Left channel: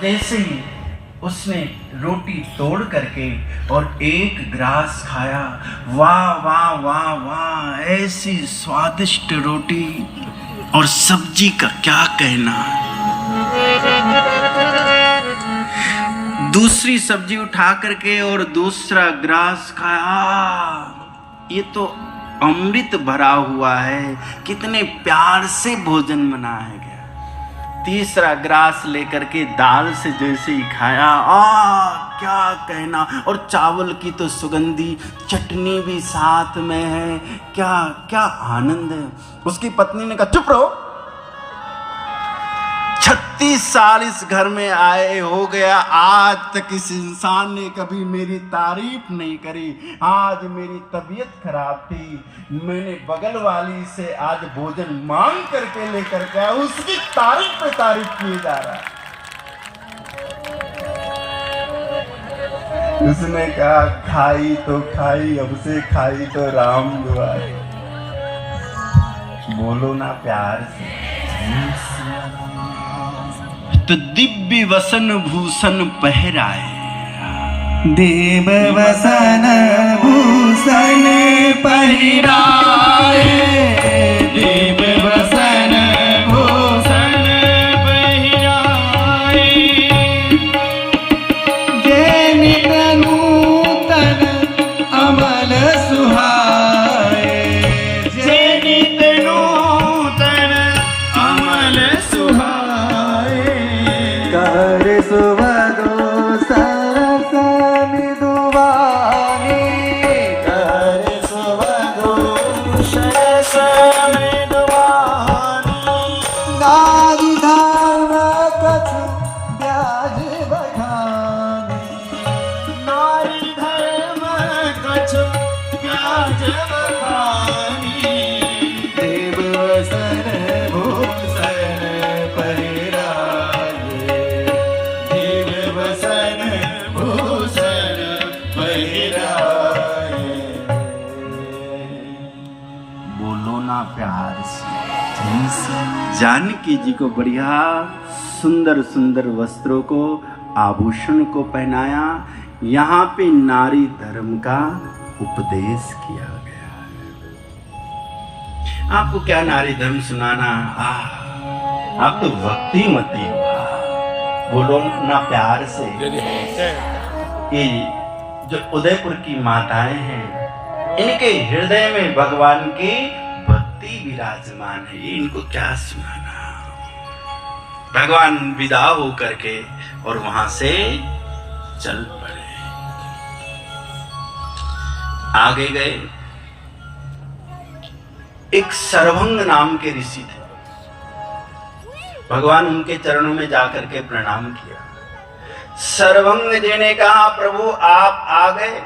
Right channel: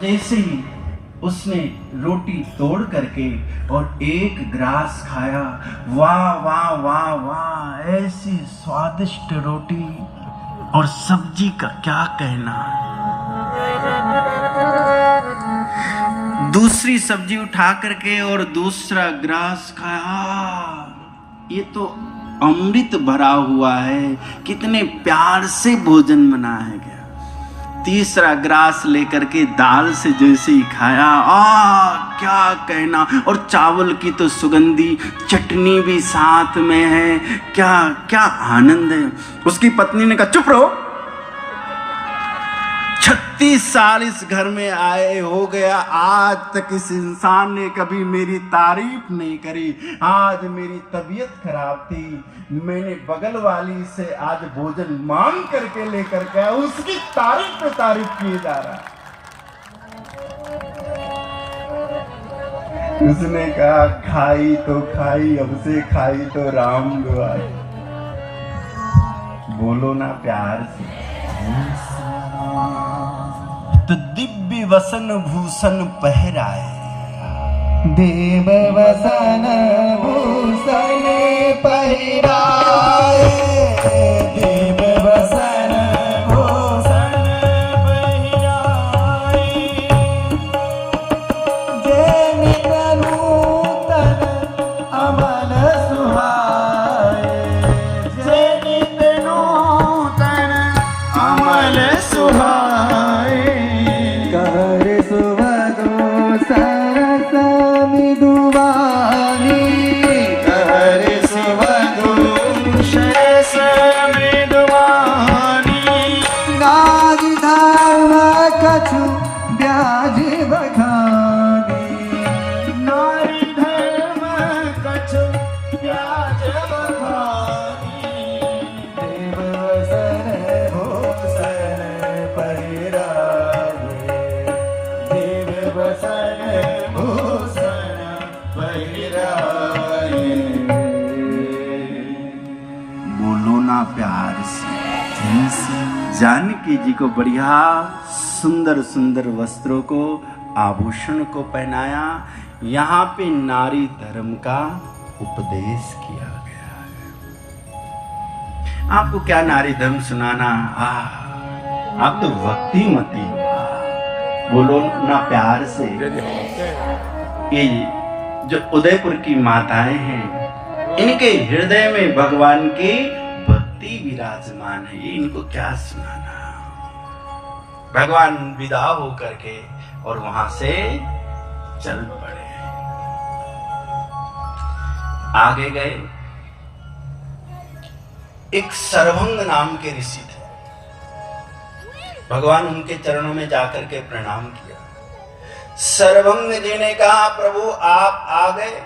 जैसे ही उसने रोटी तोड़ करके और एक ग्रास खाया, वाह वाह वाह वाह, ऐसी स्वादिष्ट रोटी और सब्जी का क्या कहना। दूसरी सब्जी उठा करके और दूसरा ग्रास खाया, ये तो अमृत भरा हुआ है, कितने प्यार से भोजन बनाया गया। तीसरा ग्रास लेकर के दाल से जैसे ही खाया, क्या कहना, और चावल की तो सुगंधी चटनी भी साथ में है, क्या क्या आनंद है। उसकी पत्नी ने कहा चुप रहो, 36 साल इस घर में आए हो गया, आज तक इस इंसान ने कभी मेरी तारीफ नहीं करी। आज मेरी तबीयत खराब थी, मैंने बगल वाली से आज भोजन मांग करके लेकर के आया, उसकी तारीफ पे तारीफ किए जा रहा है। उसने कहा खाई तो खाई, अब से खाई तो राम दुआई। बोलो ना प्यार से। तो दिव्य वसन भूषण पहराए, देव वसन भूषण पहिराए, देव वसन भूषण पहिराए, जे नित नूतन अमल सुहाए, जे नित नूतन अमल सुहाए, कर सुवदो सरस मृदुवानी, कर सुवदो सरस मृदुवानी, नारी धर्म कछु ब्याज बखानी, नारी धर्म कछु ब्याज बखानी, देव वसन भूषण पहिराए, देव वसन भूषण पहिराए। बोलो ना प्यार से। जानकी जी को बढ़िया सुंदर सुंदर वस्त्रों को, आभूषण को पहनाया, यहाँ पे नारी धर्म का उपदेश किया गया है। आपको क्या नारी धर्म सुनाना, आप तो भक्तिमती हो। बोलो ना प्यार से। ये जो उदयपुर की माताएं हैं, इनके हृदय में भगवान की भक्ति विराजमान है, इनको क्या सुनाना। भगवान विदा हो करके और वहां से चल पड़े, आगे गए। एक सर्वंग नाम के ऋषि थे, भगवान उनके चरणों में जाकर के प्रणाम किया। सर्वंग जी ने कहा प्रभु आप आ गए।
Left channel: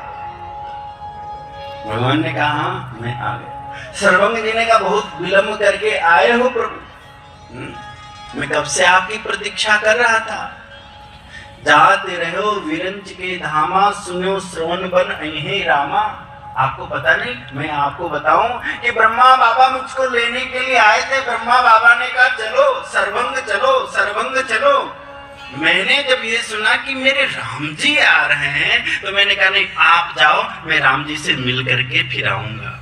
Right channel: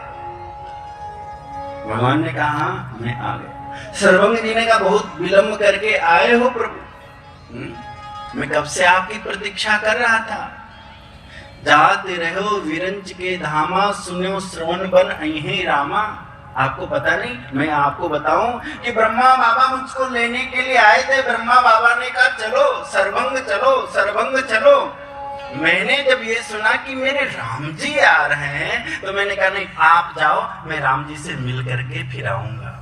भगवान ने कहा मैं आ गया। सर्वंग जी ने कहा बहुत विलंब करके आए हो प्रभु, मैं कब से आपकी प्रतीक्षा कर रहा था। जाते रहो विरंच के धामा, सुनो श्रवण बन अहे रामा। आपको पता नहीं, मैं आपको बताऊं कि ब्रह्मा बाबा मुझको लेने के लिए आए थे। ब्रह्मा बाबा ने कहा चलो सर्वंग चलो, सर्वंग चलो। मैंने जब ये सुना कि मेरे राम जी आ रहे हैं, तो मैंने कहा नहीं आप जाओ, मैं राम जी से मिल करके फिर आऊंगा।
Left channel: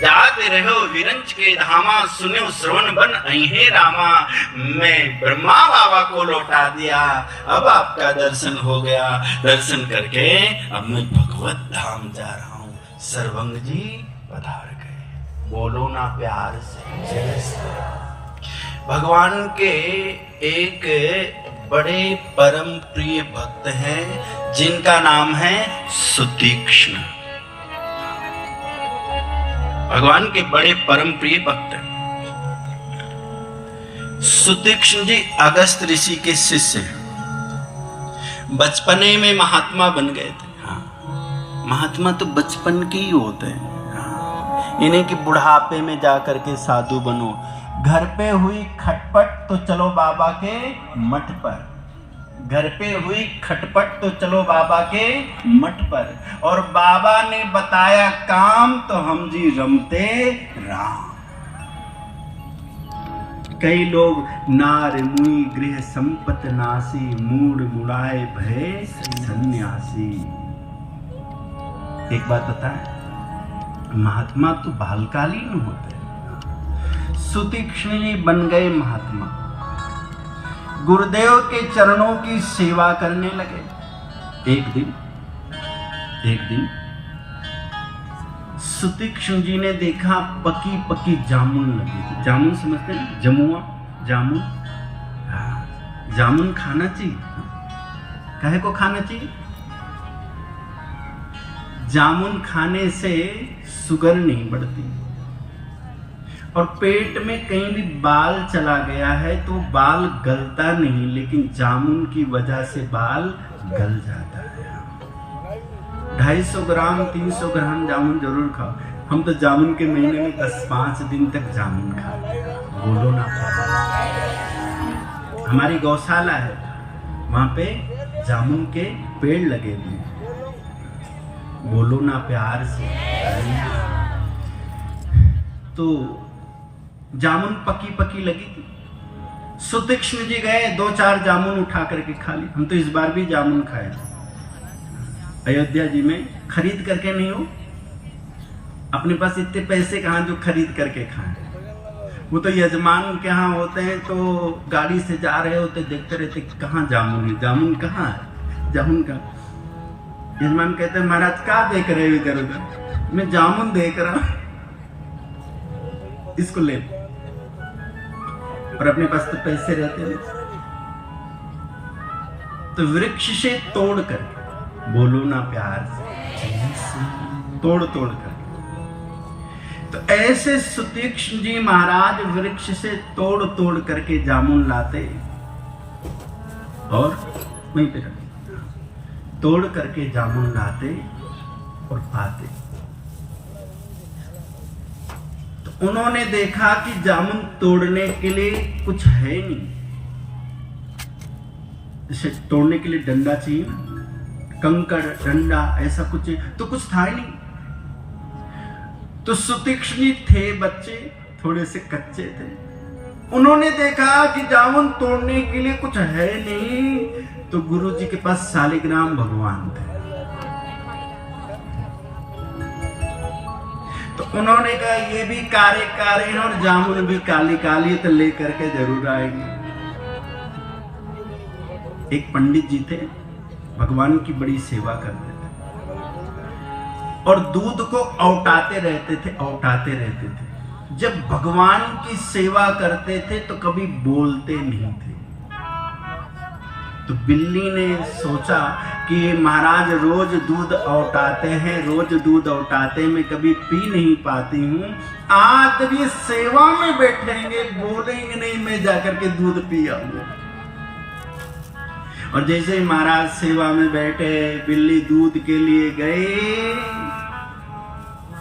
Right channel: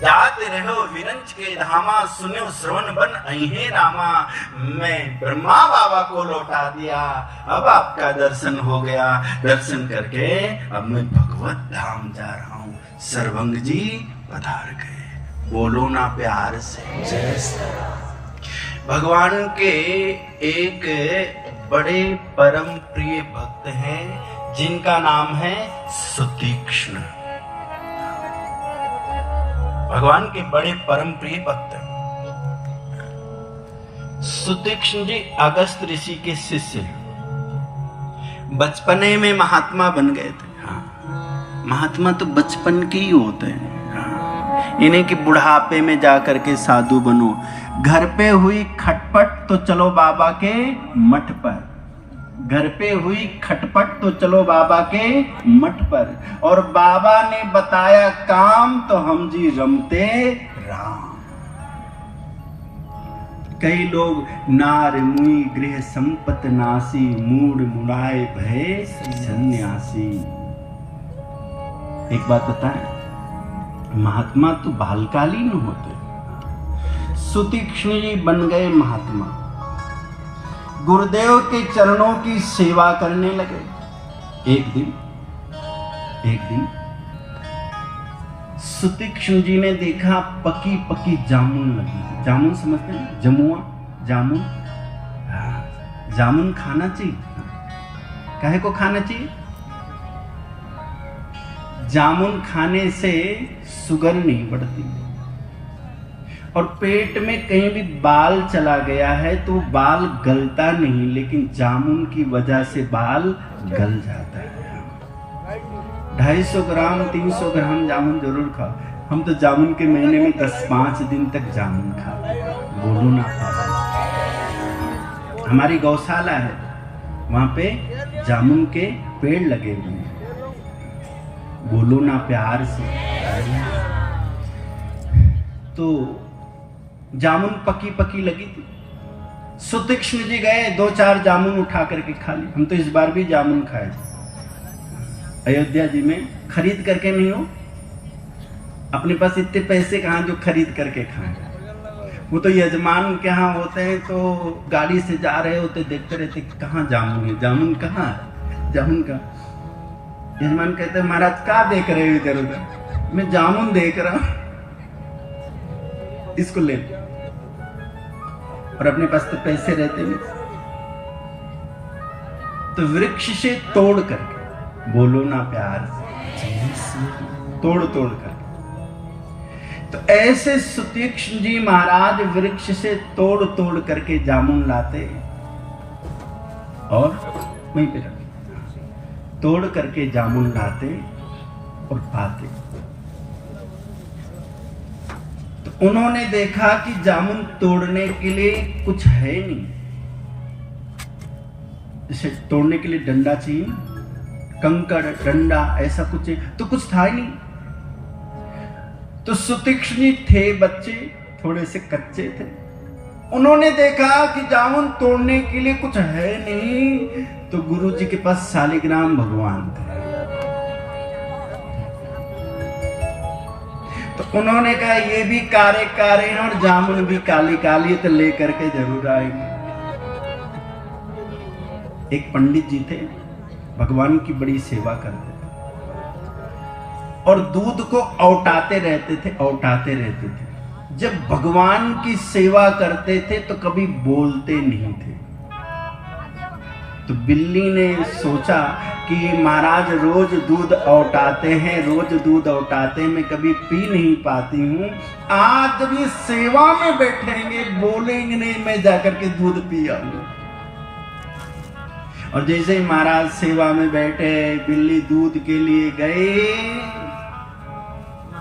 जाते रहो विरंच के धामा, सुनो श्रवण बन अहे रामा। मैं ब्रह्मा बाबा को लौटा दिया, अब आपका दर्शन हो गया। दर्शन करके अब मैं भगवत धाम जा रहा हूँ। सर्वंग जी पधार गए। बोलो ना प्यार से। भगवान के एक बड़े परम प्रिय भक्त हैं, जिनका नाम है सुतीक्ष्ण। भगवान के बड़े परम प्रिय भक्त हैं सुतीक्ष्ण जी। अगस्त ऋषि के शिष्य हैं। बचपने में महात्मा बन गए थे। महात्मा तो बचपन के ही होते हैं। इन्हें कि बुढ़ापे में जाकर के साधु बनो। घर पे हुई खटपट तो चलो बाबा के मठ पर, घर पे हुई खटपट तो चलो बाबा के मठ पर, और बाबा ने बताया काम तो हम जी रमते राम। कई लोग नार मुई गृह संपत नासी, मूड मुड़ाए भय सन्यासी। एक बात बताएं, महात्मा तो बालकालीन होते, सुतीक्ष्ण जी बन गए महात्मा, गुरुदेव के चरणों की सेवा करने लगे। एक दिन सुतीक्ष्ण जी ने देखा पकी पकी जामुन लगी थी। जामुन समझते हैं, जमुआ जामुन। जामुन खाना चाहिए। काहे को खाना चाहिए? जामुन खाने से शुगर नहीं बढ़ती, और पेट में कहीं भी बाल चला गया है तो बाल गलता नहीं, लेकिन जामुन की वजह से बाल गल जाता है। 250 ग्राम 300 ग्राम जामुन जरूर खाओ। हम तो जामुन के महीने में 10-5 दिन तक जामुन खाते हैं। बोलो ना प्यार। हमारी गौशाला है, वहां पे जामुन के पेड़ लगे हुए हैं। बोलो ना प्यार से। तो जामुन पकी पकी लगी थी। सुतीक्ष्ण जी गए, 2-4 जामुन उठा करके खा ली। हम तो इस बार भी जामुन खाए अयोध्या जी में, खरीद करके नहीं हो, अपने पास इतने पैसे कहाँ जो खरीद करके खाएं। वो तो यजमान के यहाँ होते हैं तो गाड़ी से जा रहे होते, देखते रहते कहाँ जामुन है, जामुन कहाँ है, जामुन का। यजमान कहते हैं महाराज क्या देख रहे हो इधर उधर? मैं जामुन देख रहा हूं, इसको ले। और अपने पास तो पैसे रहते नहीं, तो वृक्ष से तोड़ करके, बोलो ना प्यार से, तोड़ करके। तो ऐसे सुतीक्ष्ण जी महाराज वृक्ष से तोड़ करके जामुन लाते और वहीं पे रखते, तोड़ करके जामुन लाते और पाते। तो उन्होंने देखा कि जामुन तोड़ने के लिए कुछ है नहीं, इसे तोड़ने के लिए डंडा चाहिए ना, कंकड़ डंडा ऐसा कुछ, तो कुछ था ही नहीं। तो सुतीक्ष्ण जी थे बच्चे, थोड़े से कच्चे थे, उन्होंने देखा कि जामुन तोड़ने के लिए कुछ है नहीं, तो गुरु जी के पास शालिग्राम भगवान थे। तो उन्होंने कहा ये भी कारे कारे हैं और जामुन भी काली काली, तो ले करके जरूर आएंगे। एक पंडित जी थे, भगवान की बड़ी सेवा करते थे और दूध को औटाते रहते थे। जब भगवान की सेवा करते थे तो कभी बोलते नहीं थे। तो बिल्ली ने सोचा कि ये महाराज रोज दूध औटाते हैं, रोज दूध औटाते, मैं कभी पी नहीं पाती हूँ। आज जब ये सेवा में बैठेंगे, बोलेंगे नहीं, मैं जाकर के दूध पी आऊंगा। और जैसे ही महाराज सेवा में बैठे, बिल्ली दूध के लिए गए,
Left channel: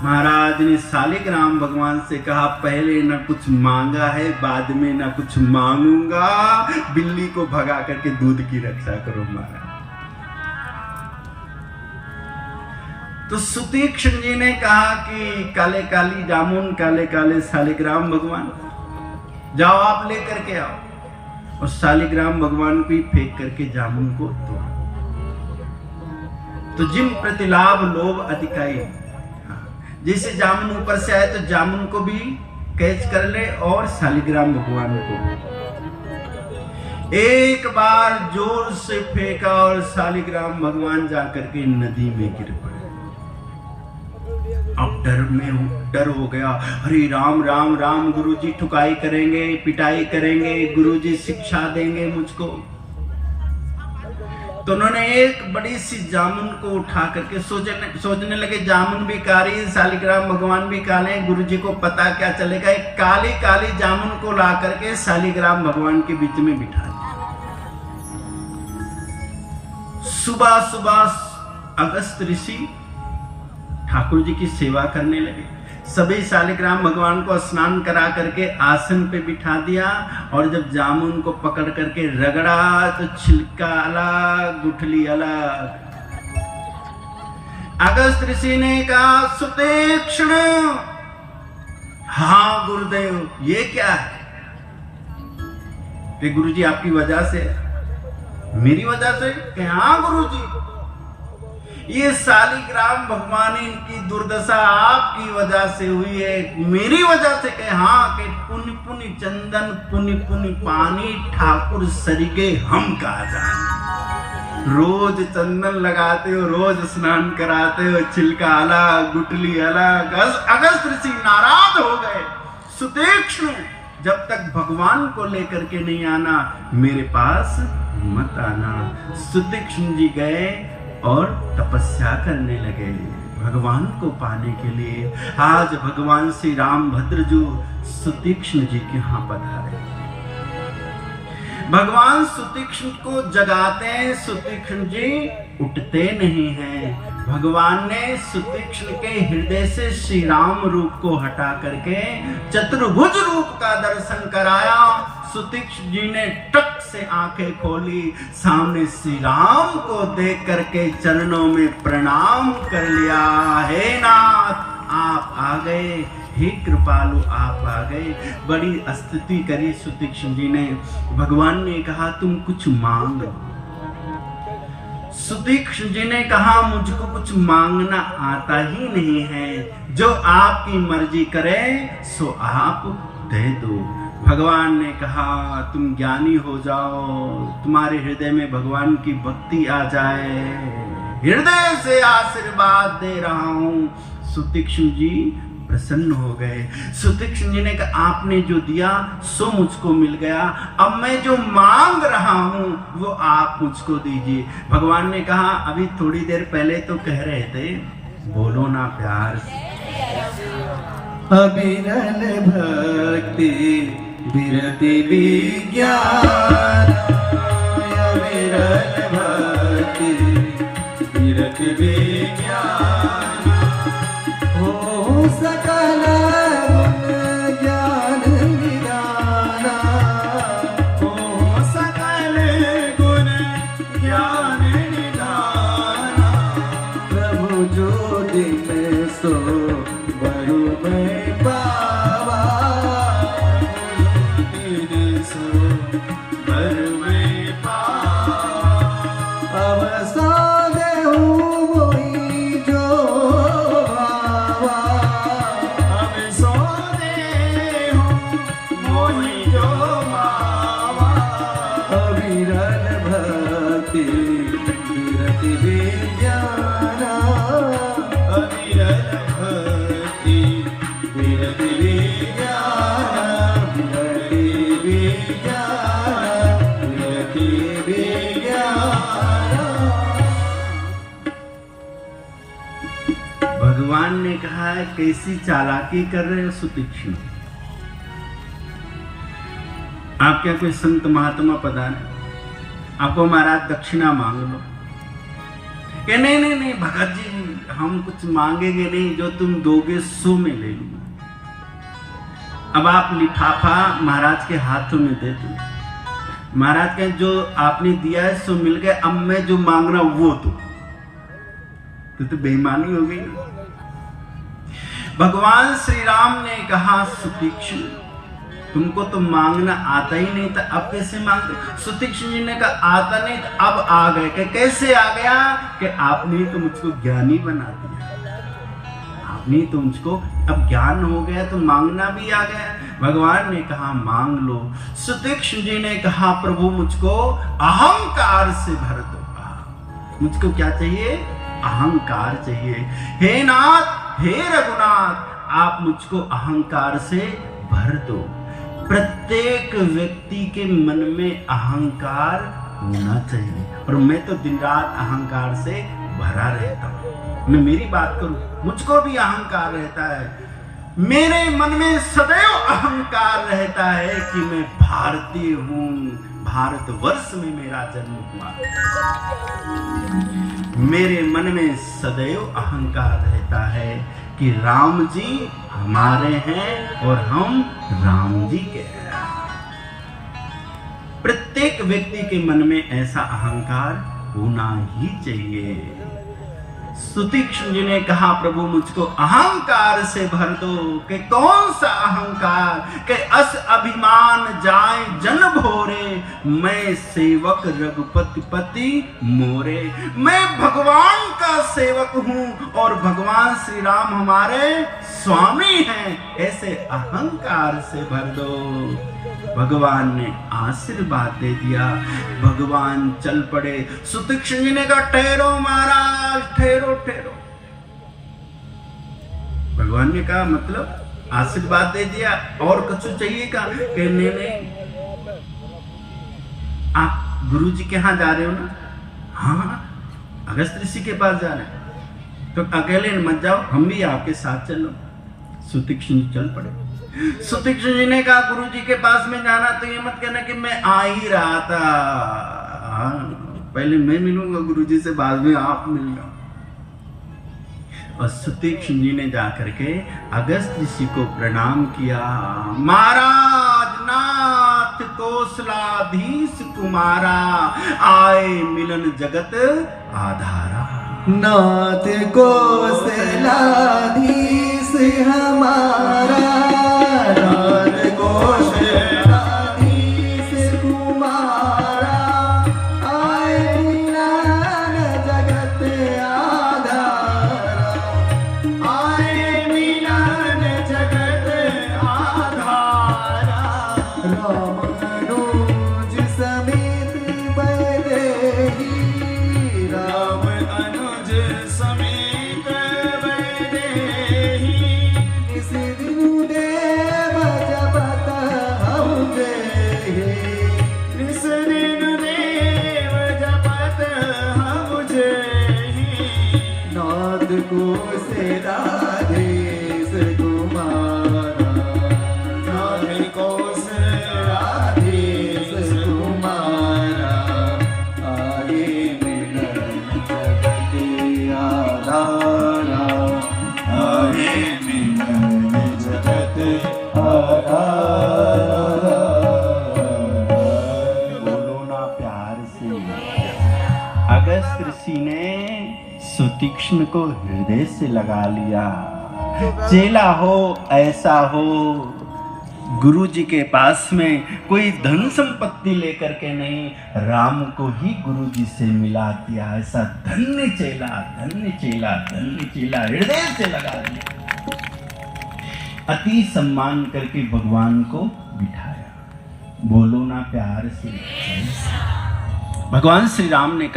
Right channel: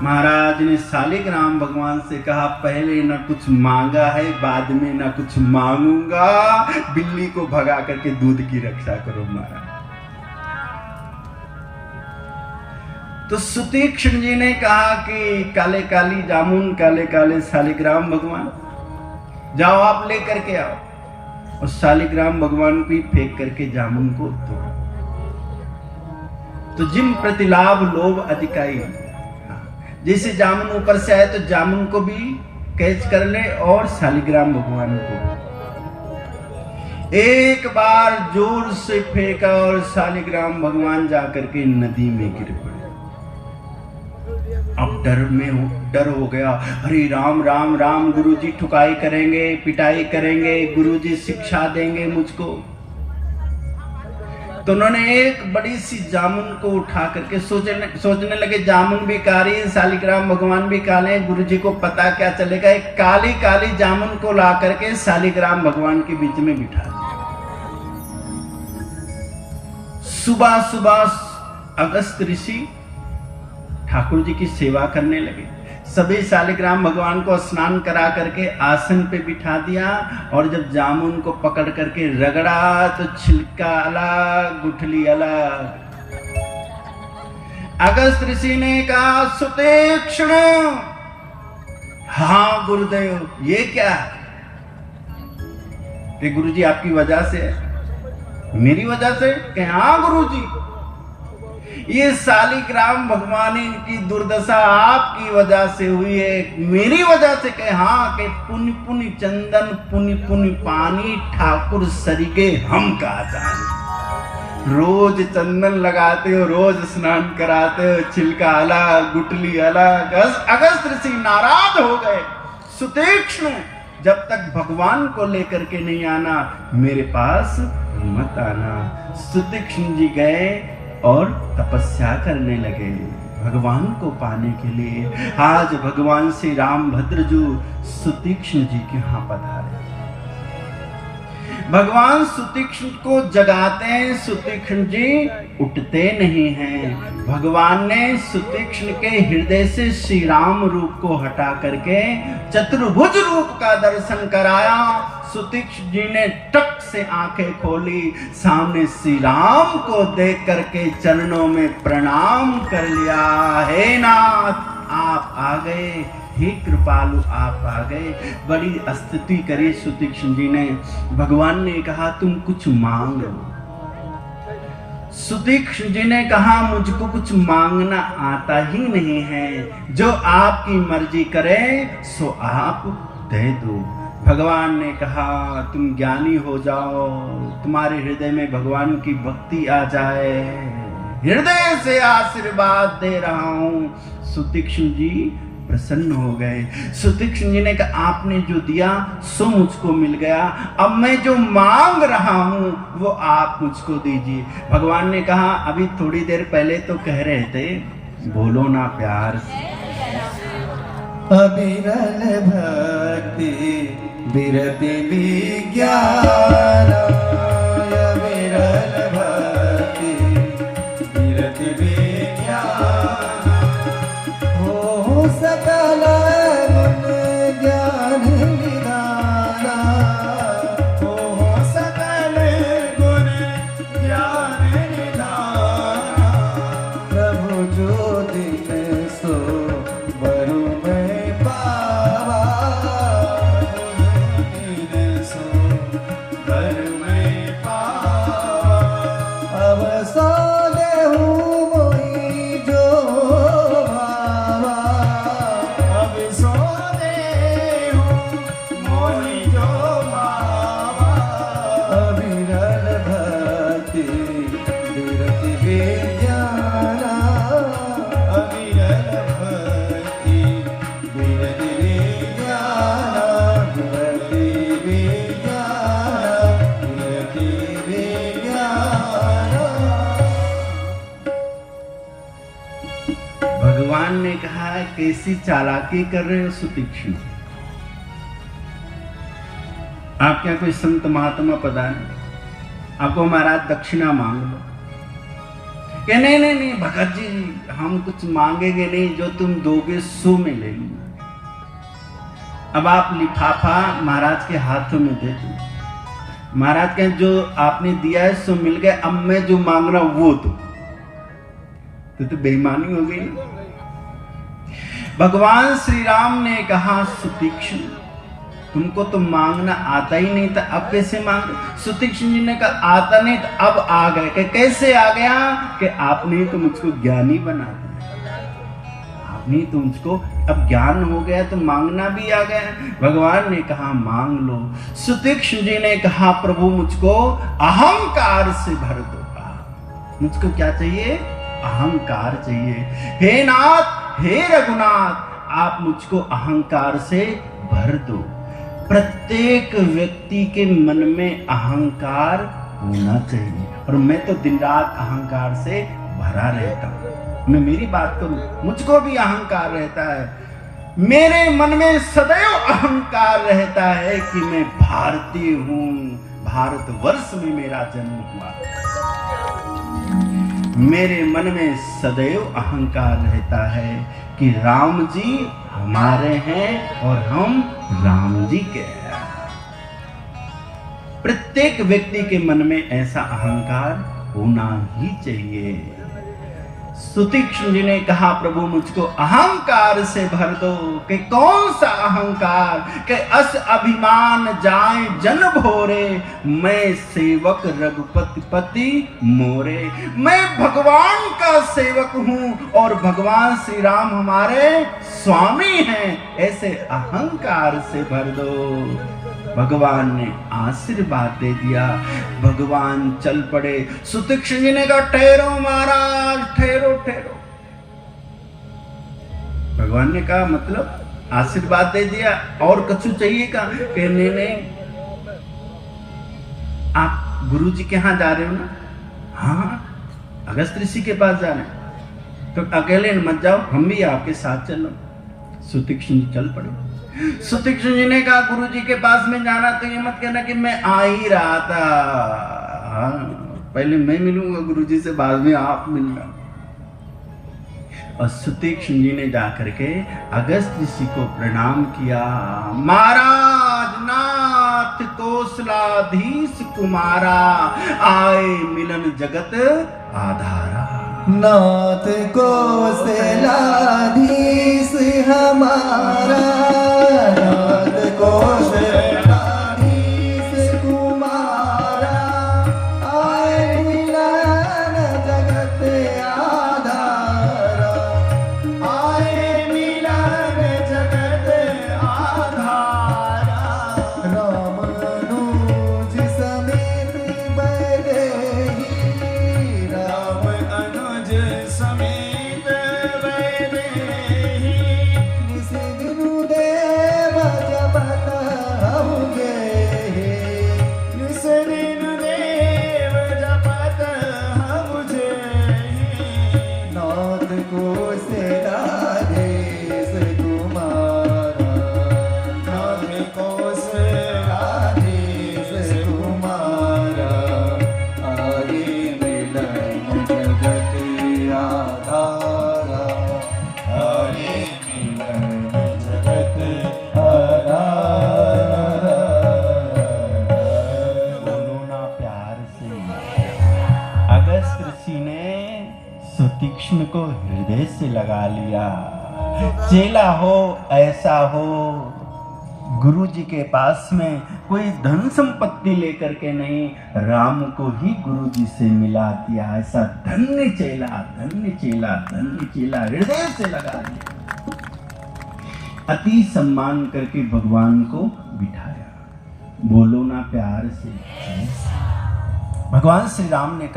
महाराज ने शालिग्राम भगवान से कहा पहले न कुछ मांगा है, बाद में न कुछ मांगूंगा, बिल्ली को भगा करके दूध की रक्षा करो महाराज। तो सुतीक्ष्ण जी ने कहा कि काले काली जामुन, काले काले शालिग्राम भगवान, जाओ आप ले करके आओ। और शालिग्राम भगवान को ही फेंक करके जामुन को तोड़ा। तो जिम प्रतिलाभ लोभ अधिकाई, जैसे जामुन ऊपर से आए तो जामुन को भी कैच कर ले और शालिग्राम भगवान को एक बार जोर से फेंका और शालिग्राम भगवान जाकर के नदी में गिर पड़े। अब डर हो गया, अरे राम राम राम, गुरुजी ठुकाई करेंगे, पिटाई करेंगे, गुरुजी शिक्षा देंगे मुझको। तो उन्होंने एक बड़ी सी जामुन को उठा करके सोचने लगे जामुन भी काली, शालिग्राम भगवान भी काले, गुरुजी को पता क्या चलेगा। एक काली काली जामुन को ला करके शालिग्राम भगवान के बीच में बिठा दिया। सुबह सुबह अगस्त ऋषि ठाकुर जी की सेवा करने लगे। सभी शालिग्राम भगवान को स्नान करा करके आसन पे बिठा दिया, और जब जामुन को पकड़ करके रगड़ा तो छिलका अलग, गुठली अलग। अगस्त ऋषि ने कहा सुतीक्ष्ण, हाँ गुरुदेव ये क्या है? कि गुरुजी आपकी वजह से है। मेरी वजह से? कि हाँ गुरुजी, ये सालिग्राम भगवान इनकी दुर्दशा आपकी वजह से हुई है, मेरी वजह से? कि हाँ, कि पुनि पुनि चंदन पुनि पुनि पानी ठाकुर सरिगे हम का जान। रोज चंदन लगाते हो, रोज स्नान कराते हो, छिलका अलग गुटली अलग। अगस्त ऋषि नाराज हो गए, सुतीक्ष्ण जब तक भगवान को लेकर के नहीं आना मेरे पास मत आना। सुतीक्ष्ण जी गए और तपस्या करने लगे भगवान को पाने के लिए। आज भगवान श्री रामभद्र जी सुतीक्ष्ण जी के यहाँ पधारे। भगवान सुतीक्ष्ण को जगाते हैं, सुतीक्ष्ण जी उठते नहीं हैं। भगवान ने सुतीक्ष्ण के हृदय से श्री राम रूप को हटा करके चतुर्भुज रूप का दर्शन कराया। सुतीक्ष्ण जी ने टक से आंखें खोली, सामने श्री राम को देख करके चरणों में प्रणाम कर लिया। हे नाथ आप आ गए, हे कृपालु आप आ गए। बड़ी स्तुति करी सुतीक्ष्ण जी ने। भगवान ने कहा तुम कुछ मांग लो। सुतीक्ष्ण जी ने कहा मुझको कुछ मांगना आता ही नहीं है, जो आपकी मर्जी करे सो आप दे दो। भगवान ने कहा तुम ज्ञानी हो जाओ, तुम्हारे हृदय में भगवान की भक्ति आ जाए, हृदय से आशीर्वाद दे रहा हूं। सुतीक्ष्ण जी प्रसन्न हो गए। सुतीक्ष्ण जी ने कहा आपने जो दिया सो मुझको मिल गया, अब मैं जो मांग रहा हूं वो आप मुझको दीजिए। भगवान ने कहा अभी थोड़ी देर पहले तो कह रहे थे बोलो ना प्यार से। अविरल भक्ति विरति विज्ञान, अविरल भक्ति विरति विज्ञान, हो सकल गुण ज्ञान निदान, हो सकल गुण ज्ञान निदान। प्रभु जो दिन सो बरु में पावा, दिन सो बरु में पावा। अब सादे हूँ वही जो भावा, अब सोदे हूँ वही जो भावा। अविरल भक्ति विरति विज्ञान, अविरल भक्ति विरति विज्ञान, विरति विज्ञान, विरति विज्ञान। भगवान ने कहा कैसी चालाकी कर रहे हो सुतीक्ष्ण, आप क्या कोई संत महात्मा पधारे, आपको महाराज दक्षिणा मांग लो। कि नहीं नहीं नहीं भगत जी हम कुछ मांगेंगे नहीं, जो तुम दोगे सो में ले लूंगा। अब आप लिफाफा महाराज के हाथों में दे दो। महाराज कहें जो आपने दिया है सो मिल गया, अब मैं जो मांग रहा हूं वो तो बेईमानी हो गई ना। भगवान श्री राम ने कहा सुतीक्ष्ण तुमको तो मांगना आता ही नहीं था, अब कैसे मांग रहे? सुतीक्ष्ण जी ने कहा आता नहीं था, अब आ गए। कि कैसे आ गया? कि आपने तो मुझको ज्ञानी बना दिया, आपने तो मुझको अब ज्ञान हो गया तो मांगना भी आ गया। भगवान ने कहा मांग लो। सुतीक्ष्ण जी ने कहा प्रभु मुझको अहंकार से भर दो। मुझको क्या चाहिए? अहंकार चाहिए। हे नाथ हे रघुनाथ आप मुझको अहंकार से भर दो। प्रत्येक व्यक्ति के मन में अहंकार होना चाहिए, और मैं तो दिन रात अहंकार से भरा रहता हूं। मैं मेरी बात करूं, मुझको भी अहंकार रहता है। मेरे मन में सदैव अहंकार रहता है कि मैं भारतीय हूं, भारतवर्ष में मेरा जन्म हुआ। मेरे मन में सदैव अहंकार रहता है कि राम जी हमारे हैं और हम राम जी के हैं। प्रत्येक व्यक्ति के मन में ऐसा अहंकार होना ही चाहिए। सुतीक्ष्ण जी ने कहा प्रभु मुझको अहंकार से भर दो। कि कौन सा अहंकार? कि अस अभिमान जाए जन भोरे, मैं सेवक रघुपति पति मोरे। मैं भगवान का सेवक हूं और भगवान श्री राम हमारे स्वामी हैं, ऐसे अहंकार से भर दो। भगवान ने आशीर्वाद दे दिया। भगवान चल पड़े। सुतीक्ष्ण जी ने कहा ठहरो महाराज, ठहरो ठहरो। भगवान ने कहा मतलब आशीर्वाद दे दिया और कछु चाहिए का? कहने नहीं, आप गुरु जी के यहाँ जा रहे हो ना? हाँ, अगस्त ऋषि के पास जा रहे हैं, तो अकेले मत जाओ, हम भी आपके साथ चलो। सुतीक्ष्ण जी चल पड़े। सुतीक्ष्ण जी ने कहा गुरु जी के पास में जाना तो ये मत कहना कि मैं आ ही रहा था, हाँ, पहले मैं मिलूंगा गुरु जी से, बाद में आप मिलना। और सुतीक्ष्ण जी ने जाकर के अगस्त ऋषि को प्रणाम किया। महाराज नाथ कौशलाधीश कुमारा, आए मिलन जगत आधारा। नाथ कौशलाधीश हमारा, नाथ कौशलाधीश कुमारा, आए मिलन जगत आधारा, आए मिलन जगत आधारा। राम अनुज समेत वैदेही, राम अनुज समेत वैदेही, निस दिनु देव जपत हम जेहि, निस दिनु देव जपत हम जेहि। नाथ कौशलाधीश कुमारा, नाथ कौशलाधीश कुमारा, आए मिलन जगत आधारा, आए मिलन जगत आधारा। बोलो ना प्यार से। अगस्त ऋषि ने सुतीक्ष्ण को हृदय से लगा लिया। चेला हो ऐसा हो, गुरु जी के पास में कोई धन संपत्ति लेकर के नहीं, राम को ही गुरु जी से मिला दिया। ऐसा धन्य चेला, धन्य चेला, धन्य चेला, हृदय से लगा लिया। अति सम्मान करके भगवान को बिठाया। बोलो ना प्यार से। भगवान श्री राम ने